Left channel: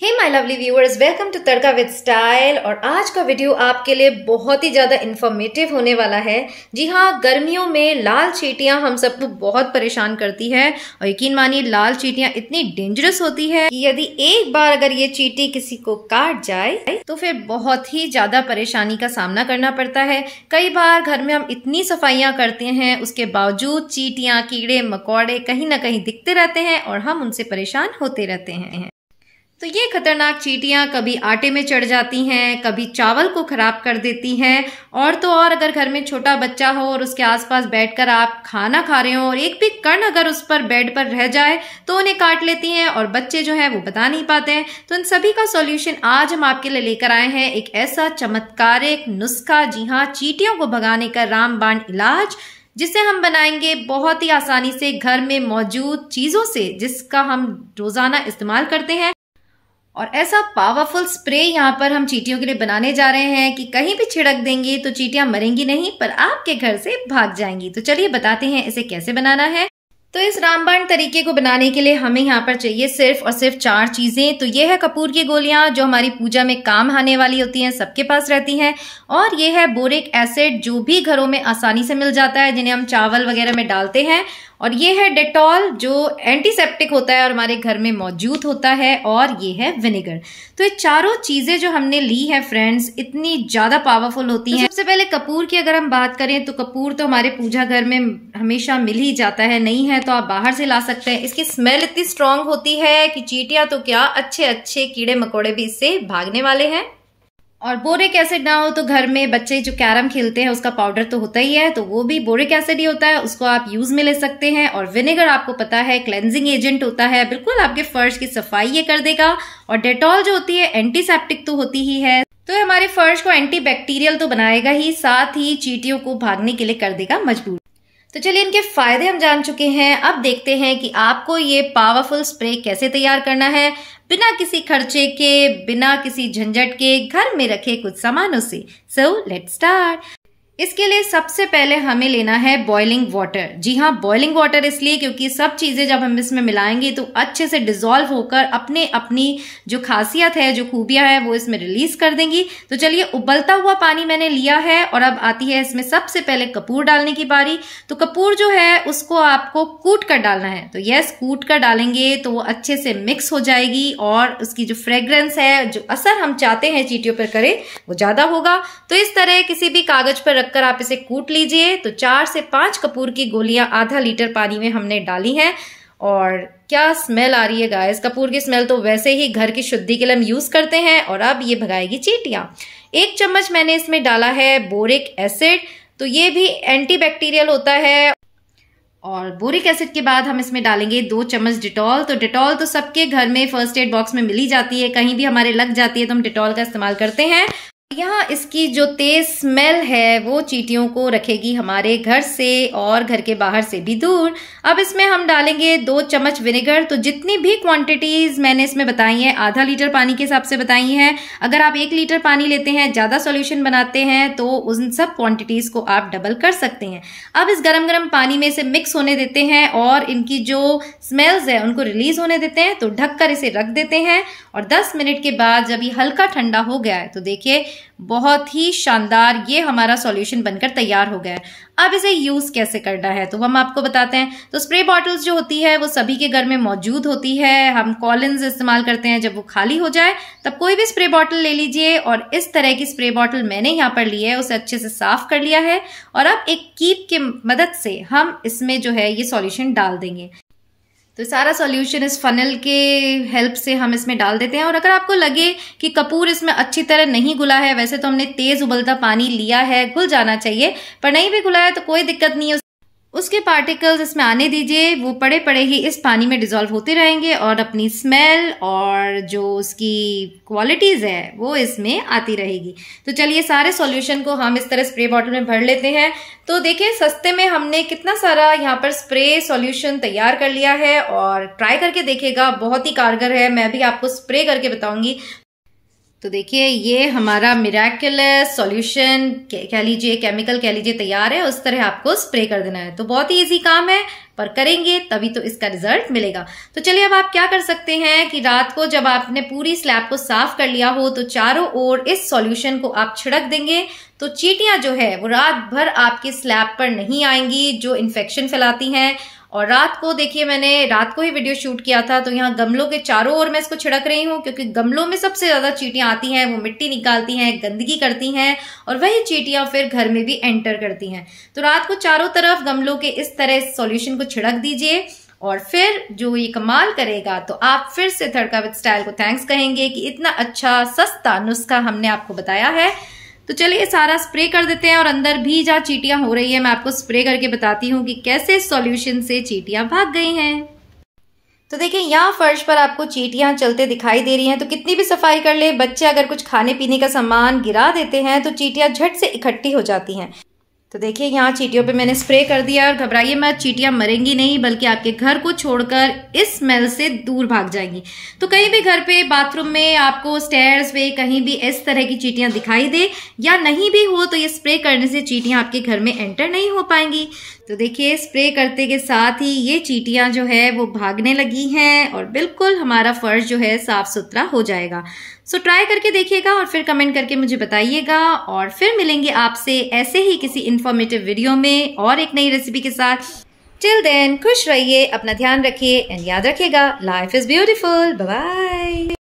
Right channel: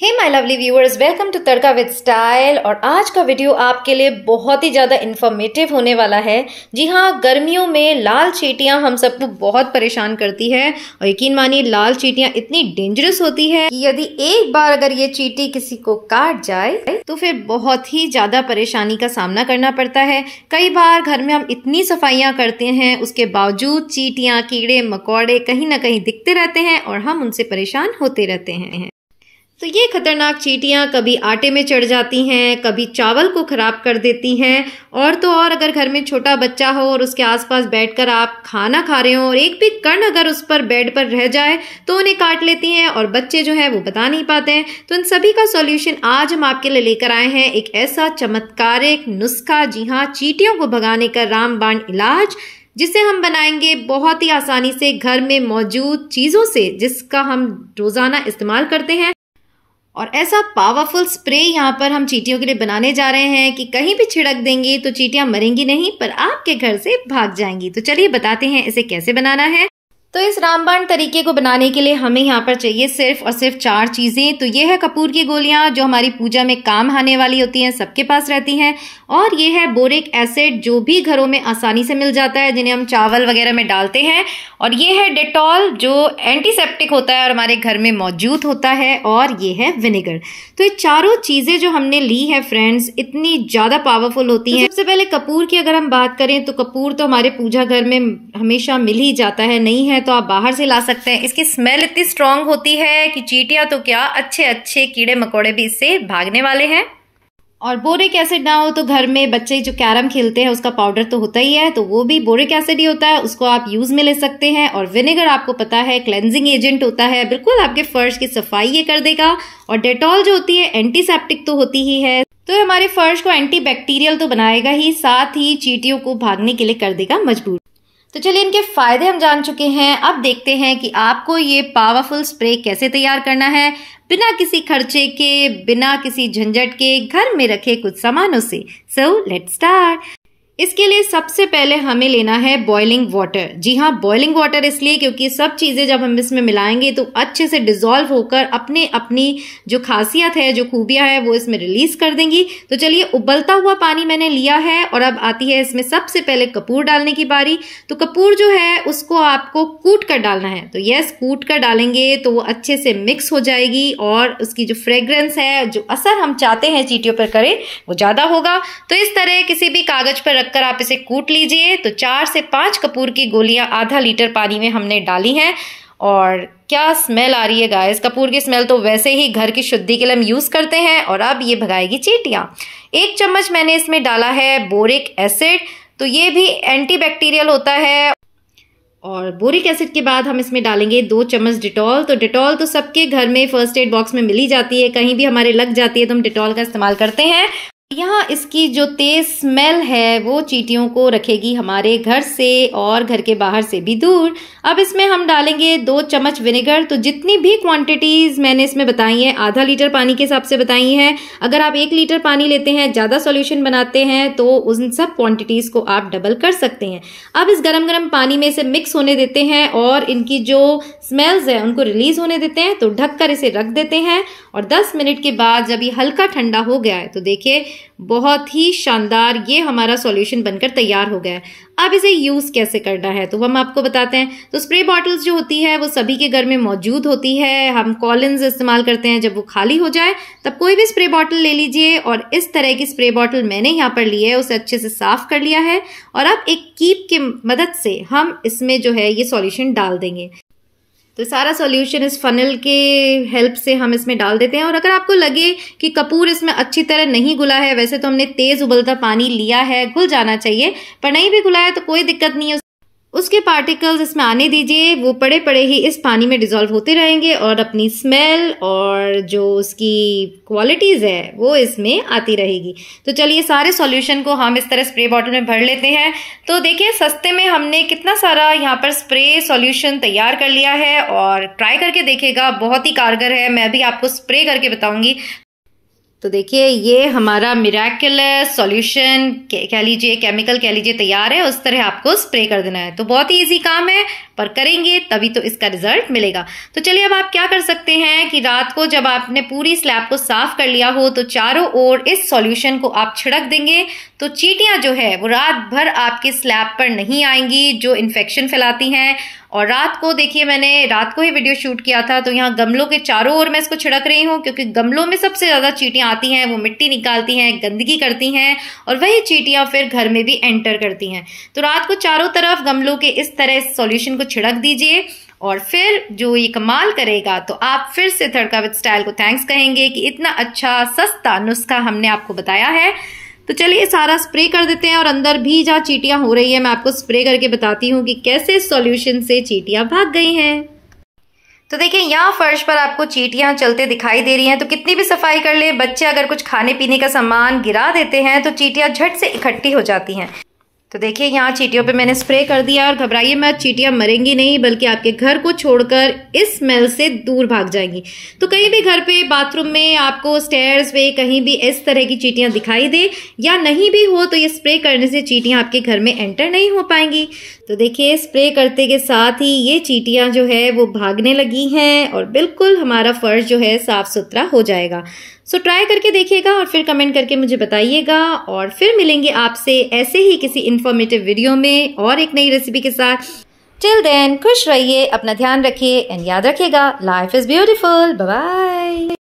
Hey my lovely viewers, welcome to Tadka with style. और आज का वीडियो आपके लिए बहुत ही ज्यादा इंफॉर्मेटिव होने वाला है। जी हाँ, गर्मियों में लाल चींटियां हम सबको बहुत परेशान करती है और यकीन मानिए लाल चींटियां इतनी डेंजरस होती है कि यदि एक बार अगर ये चींटी किसी को काट जाए तो फिर बहुत ही ज्यादा परेशानी का सामना करना पड़ता है। कई बार घर में हम इतनी सफाइयां करते हैं, उसके बावजूद चींटियां, कीड़े मकोड़े कहीं ना कहीं दिखते रहते हैं और हम उनसे परेशान होते रहते हैं। तो ये खतरनाक चींटियां कभी आटे में चढ़ जाती हैं, कभी चावल को खराब कर देती हैं, और तो और अगर घर में छोटा बच्चा हो और उसके आसपास बैठकर आप खाना खा रहे हो और एक भी कण अगर उस पर बेड पर रह जाए तो उन्हें काट लेती हैं और बच्चे जो है वो बता नहीं पाते हैं। तो इन सभी का सॉल्यूशन आज हम आपके लिए लेकर आए हैं, एक ऐसा चमत्कारिक नुस्खा, जी हाँ, चींटियों को भगाने का रामबाण इलाज, जिसे हम बनाएंगे बहुत ही आसानी से घर में मौजूद चीजों से, जिसका हम रोजाना इस्तेमाल करते हैं। और ऐसा पावरफुल स्प्रे यहाँ पर हम चींटियों के लिए बनाने जा रहे हैं कि कहीं भी छिड़क देंगे तो चींटियां मरेंगी नहीं, पर आपके घर से भाग जाएंगी। तो चलिए बताते हैं इसे कैसे बनाना है। तो इस रामबाण तरीके को बनाने के लिए हमें यहाँ पर चाहिए सिर्फ और सिर्फ 4 चीजें। तो ये है कपूर की गोलियां, जो हमारी पूजा में काम आने वाली होती हैं, सबके पास रहती हैं। और ये है बोरिक एसिड, जो भी घरों में आसानी से मिल जाता है, जिन्हें हम चावल वगैरह में डालते हैं। और ये है डेटॉल, जो एंटीसेप्टिक होता है और हमारे घर में मौजूद होता है। और ये है विनेगर। तो ये चारों चीजें जो हमने ली है फ्रेंड्स, इतनी ज्यादा पावरफुल होती हैं। सबसे पहले कपूर की अगर हम बात करें तो कपूर तो हमारे पूजा घर में हमेशा मिल ही जाता है, नहीं है तो आप बाहर से ला सकते हैं। इसकी स्मेल इतनी स्ट्रांग होती है कि चींटियां तो क्या, अच्छे अच्छे कीड़े मकोड़े भी इससे भागने वाले हैं। और बोरिक एसिड ना हो तो घर में बच्चे जो कैरम खेलते हैं उसका पाउडर तो होता ही है, तो वो भी बोरिक एसिड ही होता है, उसको आप यूज में ले सकते हैं। और विनेगर आपको पता है क्लेंजिंग एजेंट होता है, बिल्कुल आपके फर्श की सफाई ये कर देगा। और डेटॉल जो होती है एंटीसेप्टिक तो होती ही है, तो हमारे फर्श को एंटीबैक्टीरियल तो बनाएगा ही, साथ ही चींटियों को भागने के लिए कर देगा मजबूर। तो चलिए इनके फायदे हम जान चुके हैं, अब देखते हैं कि आपको ये पावरफुल स्प्रे कैसे तैयार करना है, बिना किसी खर्चे के, बिना किसी झंझट के, घर में रखे कुछ सामानों से। So let's start. इसके लिए सबसे पहले हमें लेना है बॉइलिंग वाटर। जी हाँ, बॉइलिंग वाटर इसलिए क्योंकि सब चीजें जब हम इसमें मिलाएंगे तो अच्छे से डिसॉल्व होकर अपने अपनी जो खासियत है, जो खूबियां है, वो इसमें रिलीज कर देंगी। तो चलिए, उबलता हुआ पानी मैंने लिया है और अब आती है इसमें सबसे पहले कपूर डालने की बारी। तो कपूर जो है उसको आपको कूट कर डालना है। तो यस, कूट कर डालेंगे तो वो अच्छे से मिक्स हो जाएगी और उसकी जो फ्रेग्रेंस है, जो असर हम चाहते हैं चींटियों पर करे, वो ज्यादा होगा। तो इस तरह किसी भी कागज पर कर आप इसे कूट लीजिए। तो 4 से 5 कपूर की गोलियां आधा लीटर पानी में हमने डाली हैं। और क्या स्मेल आ रही है गाइस, कपूर की स्मेल तो वैसे ही घर की शुद्धि के लिए हम यूज करते हैं। और अब ये भगाएगी चींटियां। 1 चम्मच मैंने इसमें डाला है बोरिक एसिड, तो ये भी एंटीबैक्टीरियल होता है। और बोरिक एसिड के बाद हम इसमें डालेंगे 2 चम्मच डिटॉल। तो डिटॉल तो सबके घर में फर्स्ट एड बॉक्स में मिल ही जाती है, कहीं भी हमारे लग जाती है तो हम डिटॉल का इस्तेमाल करते हैं। यहाँ इसकी जो तेज स्मेल है वो चींटियों को रखेगी हमारे घर से और घर के बाहर से भी दूर। अब इसमें हम डालेंगे 2 चम्मच विनेगर। तो जितनी भी क्वांटिटीज मैंने इसमें बताई हैं, आधा लीटर पानी के हिसाब से बताई हैं। अगर आप 1 लीटर पानी लेते हैं, ज्यादा सॉल्यूशन बनाते हैं, तो उन सब क्वांटिटीज को आप डबल कर सकते हैं। अब इस गरम गरम पानी में इसे मिक्स होने देते हैं और इनकी जो स्मेल्स है उनको रिलीज होने देते हैं। तो ढककर इसे रख देते हैं और 10 मिनट के बाद जब ये हल्का ठंडा हो गया है तो देखिए बहुत ही शानदार ये हमारा सॉल्यूशन बनकर तैयार हो गया है। अब इसे यूज कैसे करना है तो हम आपको बताते हैं। तो स्प्रे बॉटल्स जो होती है वो सभी के घर में मौजूद होती है, हम कॉलिन्स इस्तेमाल करते हैं। जब वो खाली हो जाए तब कोई भी स्प्रे बॉटल ले लीजिए और इस तरह की स्प्रे बॉटल मैंने यहाँ पर ली है, उसे अच्छे से साफ कर लिया है। और अब एक कीप की मदद से हम इसमें जो है ये सॉल्यूशन डाल देंगे। तो सारा सॉल्यूशन इस फनल के हेल्प से हम इसमें डाल देते हैं। और अगर आपको लगे कि कपूर इसमें अच्छी तरह नहीं घुला है, वैसे तो हमने तेज उबलता पानी लिया है, घुल जाना चाहिए, पर नहीं भी घुला है तो कोई दिक्कत नहीं है, उसके पार्टिकल्स इसमें आने दीजिए। वो पड़े पड़े ही इस पानी में डिसॉल्व होते रहेंगे और अपनी स्मेल और जो उसकी क्वालिटीज है वो इसमें आती रहेगी। तो चलिए सारे सॉल्यूशन को हम इस तरह स्प्रे बॉटल में भर लेते हैं। तो देखिए सस्ते में हमने कितना सारा यहाँ पर स्प्रे सॉल्यूशन तैयार कर लिया है और ट्राई करके देखिएगा, बहुत ही कारगर है। मैं भी आपको स्प्रे करके बताऊंगी। तो देखिए ये हमारा मिराक्युलस सॉल्यूशन कह लीजिए, केमिकल कह लीजिए, तैयार है। उस तरह आपको स्प्रे कर देना है। तो बहुत ही इजी काम है, पर करेंगे तभी तो इसका रिजल्ट मिलेगा। तो चलिए अब आप क्या कर सकते हैं कि रात को जब आपने पूरी स्लैब को साफ कर लिया हो तो चारों ओर इस सॉल्यूशन को आप छिड़क देंगे। तो चींटियां जो है वो रात भर आपके स्लैब पर नहीं आएंगी जो इन्फेक्शन फैलाती हैं। और रात को देखिए, मैंने रात को ही वीडियो शूट किया था, तो यहाँ गमलों के चारों ओर मैं इसको छिड़क रही हूँ, क्योंकि गमलों में सबसे ज्यादा चींटियां आती हैं। वो मिट्टी निकालती हैं, गंदगी करती हैं, और वही चींटियां फिर घर में भी एंटर करती हैं। तो रात को चारों तरफ गमलों के इस तरह सॉल्यूशन को छिड़क दीजिए, और फिर जो ये कमाल करेगा तो आप फिर से तड़का विद स्टाइल को थैंक्स कहेंगे कि इतना अच्छा सस्ता नुस्खा हमने आपको बताया है। तो चलिए सारा स्प्रे कर देते हैं, और अंदर भी जहाँ चींटियां हो रही है मैं आपको स्प्रे करके बताती हूँ कि कैसे सॉल्यूशन से चींटियां भाग गई हैं। तो देखिए यहाँ फर्श पर आपको चींटियां चलते दिखाई दे रही हैं। तो कितनी भी सफाई कर ले, बच्चे अगर कुछ खाने पीने का सामान गिरा देते हैं तो चींटियां झट से इकट्ठी हो जाती हैं। तो देखिए यहाँ चींटियों पे मैंने स्प्रे कर दिया, और घबराइए मत, चींटियां मरेंगी नहीं, बल्कि आपके घर को छोड़कर इस स्मेल से दूर भाग जाएंगी। तो कहीं भी घर पे, बाथरूम में, आपको स्टेयर्स पे कहीं भी इस तरह की चींटियां दिखाई दे या नहीं भी हो, तो ये स्प्रे करने से चींटियां आपके घर में एंटर नहीं हो पाएंगी। तो देखिए स्प्रे करते के साथ ही ये चींटियां जो है वो भागने लगी हैं, और बिल्कुल हमारा फर्श जो है साफ सुथरा हो जाएगा। सो ट्राई करके देखिएगा और फिर कमेंट करके मुझे बताइएगा, और फिर मिलेंगे आपसे ऐसे ही किसी इंफॉर्मेटिव वीडियो में और एक नई रेसिपी के साथ। टिल देन खुश रहिए, अपना ध्यान रखिए, एंड याद रखिएगा, life is beautiful. Bye bye.